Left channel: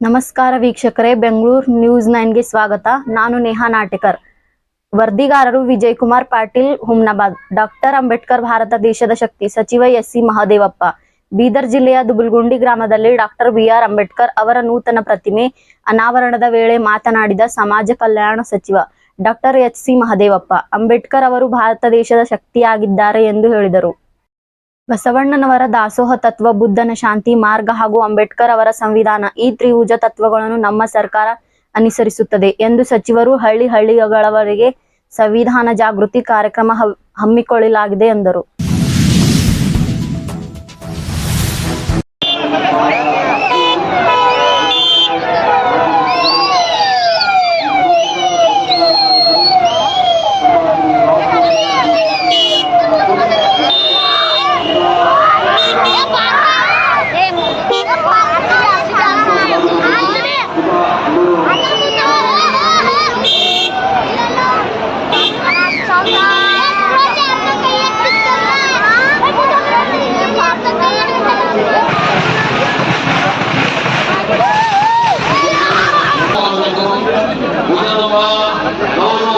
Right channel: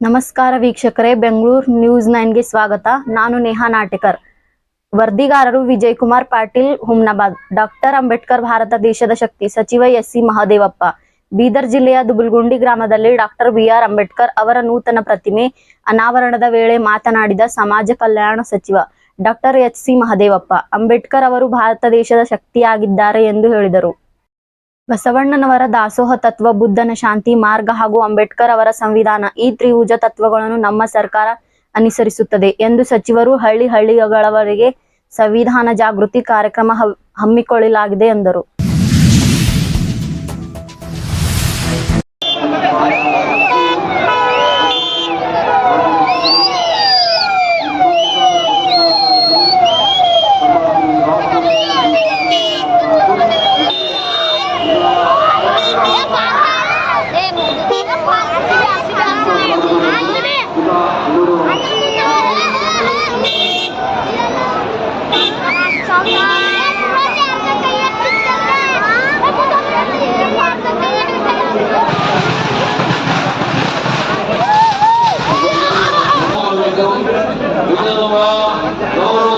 ನಮಸ್ಕಾರ ವೀಕ್ಷಕರೇ, ಬೆಂಗಳೂರು ನ್ಯೂಸ್ ನೈನ್ಗೆ ಸ್ವಾಗತ. ನಾನು ನೇಹಾ ನಾಟಕರ್. ವರದಿಗಾರರು ವಿಜಯ್ ಕುಮಾರ್ ಪಾಟೀಲ್, ಹುಮ್ನಾಬಾದ್. ಡಾಕ್ಟರ್ ಅಂಬೇಡ್ಕರ್ ಭಾರತ ದೇಶದ ಶಕ್ತಿ ಸಚಿವ ಎಸ್ ಸಿ ಮಹಾದೇವಪ್ಪ. ಬೀದರ್ ಜಿಲ್ಲೆಯ ದುಬುಲ್ಗುಂಡಿ ಗ್ರಾಮದಲ್ಲಿ ಡಾಕ್ಟರ್ ಬಿ ಆರ್ ಅಂಬೇಡ್ಕರ್ ಅವರ ನೂತನ ಪ್ರತಿಮೆ ಅನಾವರಣದ ವೇಳೆ ಮಾತನಾಡಿದ ಸಮಾಜ ಕಲ್ಯಾಣ ಸಚಿವ doctor H C Mahadevappa. Ambedkar ಅವರು ಭಾರತ ದೇಶದ ಶಕ್ತಿಯಾಗಿದ್ದಾರೆ ಎಂದು ಹೇಳಿದರು. ಬಸವಣ್ಣನವರ ದಾಸೋಹ ತತ್ವ, ಬುದ್ಧನ ಶಾಂತಿ, ಮಾರ್ಗ ಹಾಗೂ ಅಂಬೇಡ್ಕರ್ ಅವರ ಸಂವಿಧಾನ ಈ ತ್ರಿಭುಜ ತತ್ವಗಳನ್ನು ನಮ್ಮ ಸರ್ಕಾರ ಅನುಸರಿಸುತ್ತದೆ ಎಂದು ಸಚಿವರು ಹಳ್ಳಿ ಹಳ್ಳಿಗಳವರೆಗೆ ಸಂವಿಧಾನ ಜಾಗೃತಿ ಕಾರ್ಯಕ್ರಮ ಹಮ್ಮಿಕೊಳ್ಳಲಾಗಿದೆ ಎಂದರು. الله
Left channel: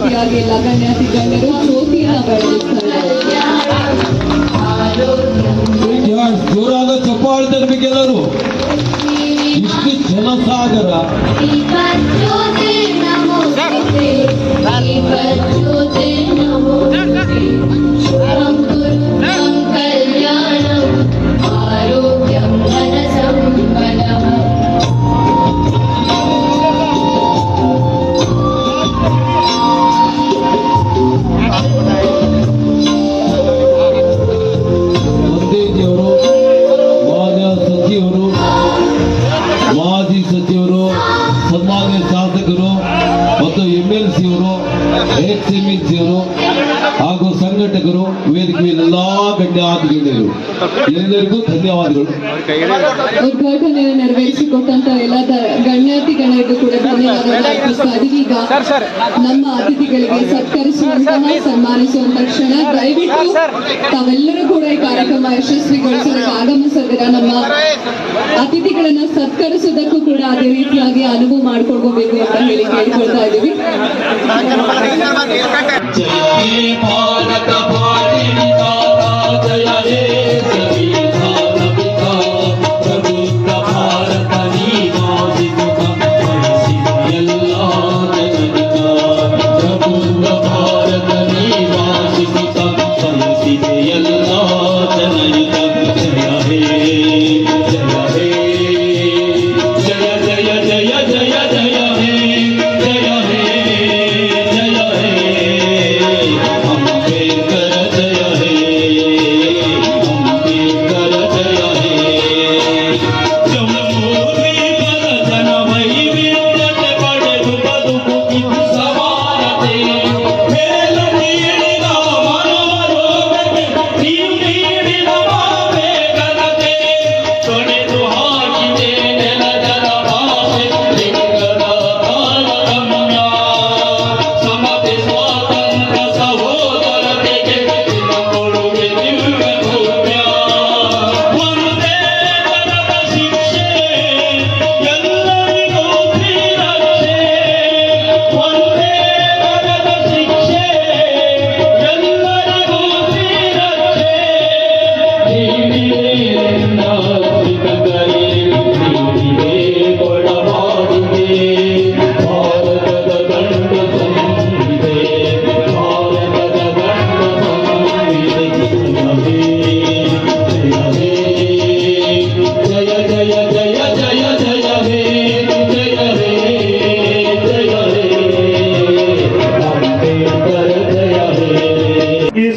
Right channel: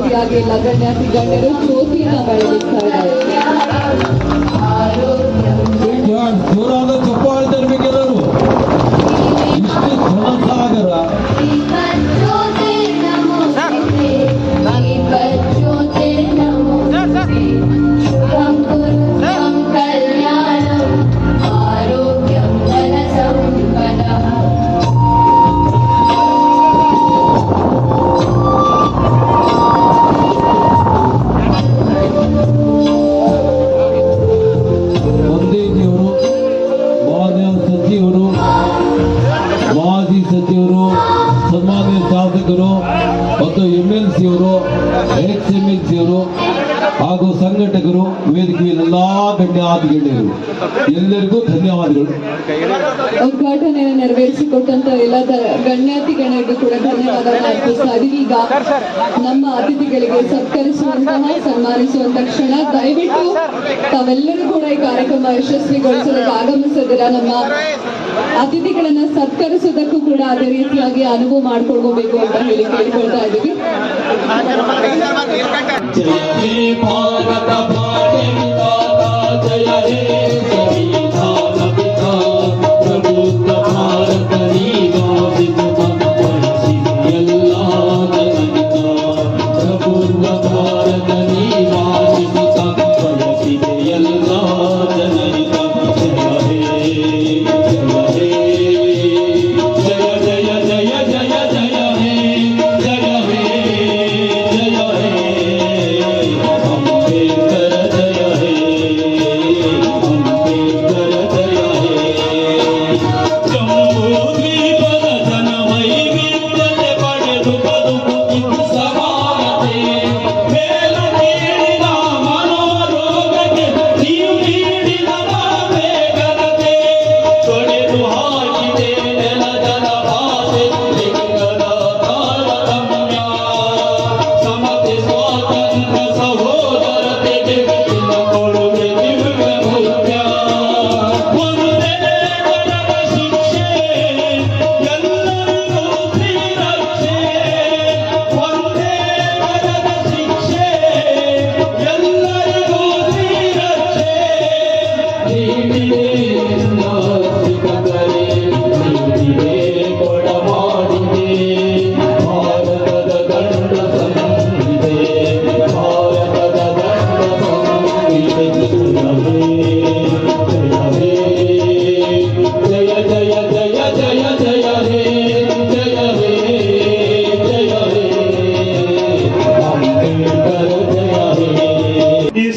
ಅವರ ಜೊತೆಯಾಗಿ ಎಲ್ಲ ಗಣ್ಯಾತಿ ಗಣ್ಯರು ಜ್ಯೋತಿಯನ್ನ ಬೆಳಗಿಸ್ತಾ ಇದ್ದಾರೆ. ಜೋರಾದ ಚಪ್ಪಾಳೆ ತರಬೇಕೆಲ್ಲರೂ ಇಷ್ಟು ಜನಸಾಗರ ಎಕ್ಸ್ ಎಂ ಹಾಗೂ ಸಂಘಟಕರು ವೇದಿಕೆಯಲ್ಲೆಲ್ಲಾ ಗಣ್ಯಾಧಿಕಾರಿಗಳು ಎಲ್ಲರಿಗೂ ಧನ್ಯವಾದಗಳು. ಉದ್ಘಾಟನೆಯನ್ನು ನೆರವೇರಿಸಿಕೊಟ್ಟಂತ ಎಲ್ಲ ಗಣ್ಯಾತಿ ಗಣ್ಯರಿಗೂ ಕೂಡ ಧನ್ಯವಾದಗಳನ್ನು ಅರ್ಪಿಸ್ತಾ ಇದೀವಿ ಈಗ ನಮ್ಮ ಅತಿಥಿಗಳಿಗೆ ಸತ್ಕರಿಸುವಂತಹ ಸನ್ಮಾನಿಸುವಂತ ಕ್ಷಣ. ದಯವಿಟ್ಟು ತಾವೆಲ್ಲರೂ ಕೂಡ ಈ ಕಾರ್ಯಕ್ರಮ ಯಶಸ್ವಿಗೊಳಿಸೋದಕ್ಕೆ ಆಗಮಿಸಿದಿರ ನಮ್ಮ ಅತಿಥಿಗಳನ್ನ ಸತ್ಕರಿಸೋದಕ್ಕೂ ಕೂಡ ಅದೇ ರೀತಿಯಾಗಿ ಅನುವು ಮಾಡ್ಕೊಳ್ಬೇಕು ಅಂತ ಹೇಳಿ ಕೇಳ್ಕೊಳ್ತಾ ಇದ್ದೀವಿ.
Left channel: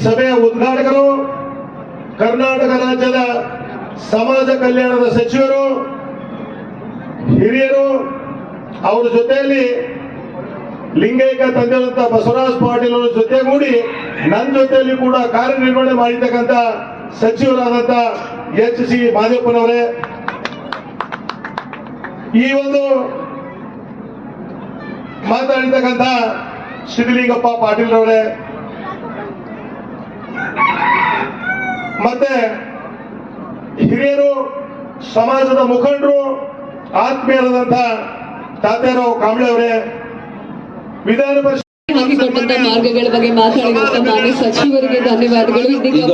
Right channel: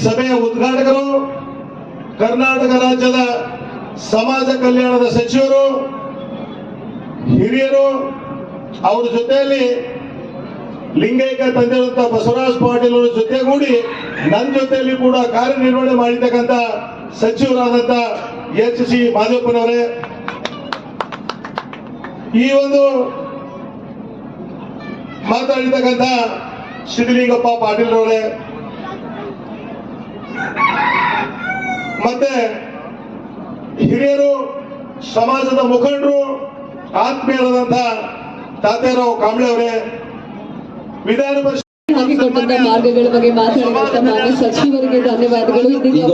ಸಭೆಯ ಉದ್ಘಾಟಕರು, ಕರ್ನಾಟಕ ರಾಜ್ಯದ ಸಮಾಜ ಕಲ್ಯಾಣದ ಸಚಿವರು, ಹಿರಿಯರು, ಅವರ ಜೊತೆಯಲ್ಲಿ ಲಿಂಗೈಕ್ಯ ತಂದಿರುವಂತ ಬಸವರಾಜ ಪಾಟೀಲ್ ಅವರ ಜೊತೆಗೂಡಿ ನನ್ನ ಜೊತೆಯಲ್ಲಿ ಕೂಡ ಕಾರ್ಯನಿರ್ವಹಣೆ ಮಾಡಿರ್ತಕ್ಕಂಥ ಸಚಿವರಾದಂತ ಎಚ್ ಸಿ ಮಾದೇವಪ್ಪನವರೇ. ಈ ಒಂದು ಮಾತಾಡಿರ್ತಕ್ಕಂಥ ಸಿದ್ದಲಿಂಗಪ್ಪ ಪಾಟೀಲ್ ಅವರೇ ಮತ್ತೆ ಹಿರಿಯರು ಸಮಾಜದ ಮುಖಂಡರು ಆತ್ಮೀಯರಾದಂಥ ತಾತ್ಯಾರಾವ್ ಕಾಂಬ್ಳೆ ಅವರೇ ವಿಧಾನ ಹಾಕಿಕೊಟ್ಟಂತ ಮಾರ್ಗಗಳ ಬಗ್ಗೆ ಮಾತಾಡಿದಂತ ಮಾನ್ಯ ಸಚಿವರಿಗೆ ಧನ್ಯವಾದಗಳು. ಇದೀಗ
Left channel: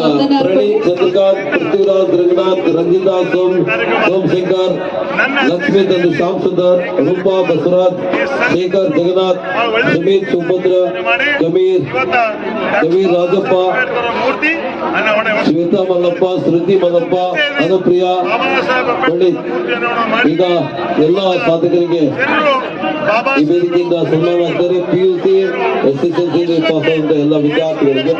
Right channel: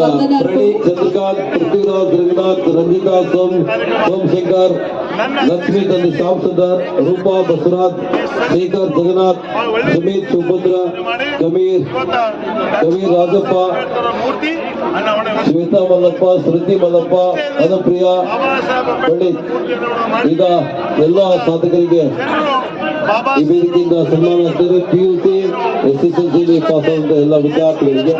ಪೃಥ್ವಿರಾಜ್ ರಘುನಾಥ್ ರಂಜಿತಾ ಸೋಮ್ ಸೋಮಶೇಖರ್ ಲಕ್ಷ್ಮೀ ಚಂದ್ರ ಶ್ಯಾಮ್ ಸುಂದರ್ ರೂಪಾ ಬಸವರಾಜ್ ಶೇಖರ್ ಜಗನ್ನಾಥ್ ಸುಮೀತ್ ಸುಭದ್ರ ಕಮೀರ್ ಕಮೀರ್ ರಾಜಪ್ಪ ಶ್ವೇತಾ ಮಲ್ಲಪ್ಪ ಸ್ಮೃತಿ ಮಲ್ಲಪ್ಪ ಅನುಪ್ರಿಯಾ ಪಂಡಿತ್. ಈಗ ಎಲ್ಲ ಸಾಧಕರಿಗೆ ಈ ವೇದಿಕೆಯಿಂದ ಸನ್ಮಾನ P U C S S L C ಎಲ್ಲ ವಿದ್ಯಾರ್ಥಿಗಳಿಗೆ